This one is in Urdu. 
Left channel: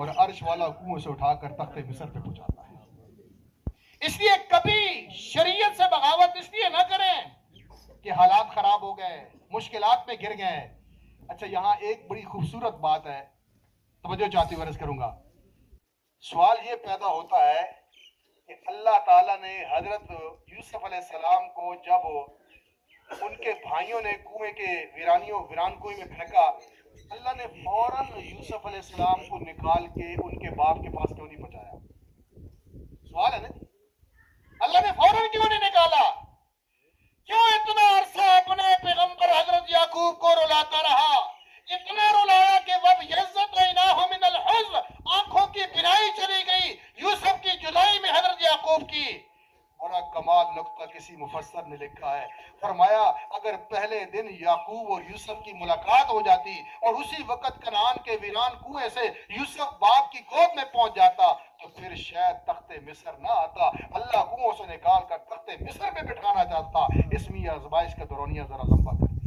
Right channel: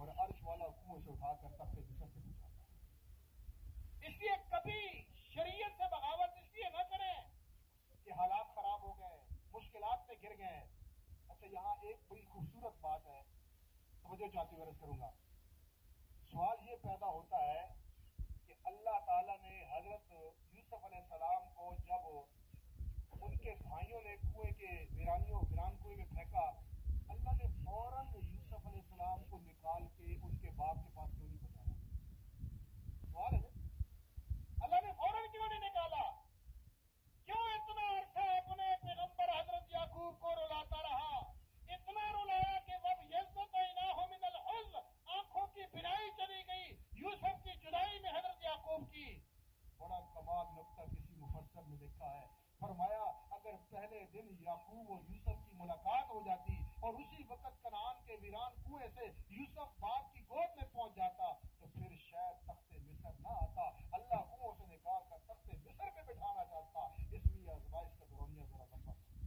اور عرش والا کنویں سے اٹھا کر تخت مصر پہ پہنچاتا ہے۔ اس لیے کبھی شریعت سے بغاوت اس لیے نہ کریں کہ حالات خراب ہو گئے، مشکلات میں گر گئے۔ اچھا یہاں ایک بڑی خوبصورت بات ہے، توجہ چاہتی ہوں عرض کروں گا۔ سوال یہ پیدا ہوتا ہے کہ اللہ تعالیٰ نے حضرت یوسف علیہ السلام کو جب ان کے بھائیوں نے کنویں کے ویران کنویں میں پھینکا، اللہ نے فوراً یوسف علیہ السلام کو نکال کے ان کے باپ کے پاس کیوں نہیں پہنچایا؟ سوال ہے نا، اللہ نے فوراً کیوں نہیں نکالا؟ کیوں اتنا عرصہ اپنے پیغمبر حضرت یعقوب کو رلاتا رہا؟ اتنا رلایا کہ وَبْ يَزَّتْعِنَاهُ مِنَ الْحُزْنِ، آنکھوں کی بینائی چلی گئی یوسف کی جدائی میں حضرت یعقوب کی۔ بڑا کمال نقطہ کسی مفسر نے لکھا ہے، فرمایا اگر پہلے دن یعقوب اور یوسف کی ملاقات ہو جاتی اور اسی وقت کنعان کے ویران کنویں سے یوسف باپ کی گود میں پہنچ جاتا تو پھر شاید تخت مصر نہ آتا، اللہ کنووں سے نکال کر تخت مصر پہ بٹھانا چاہتا۔ اسمی آزمائش کا دورانیہ ذرا لمبا کر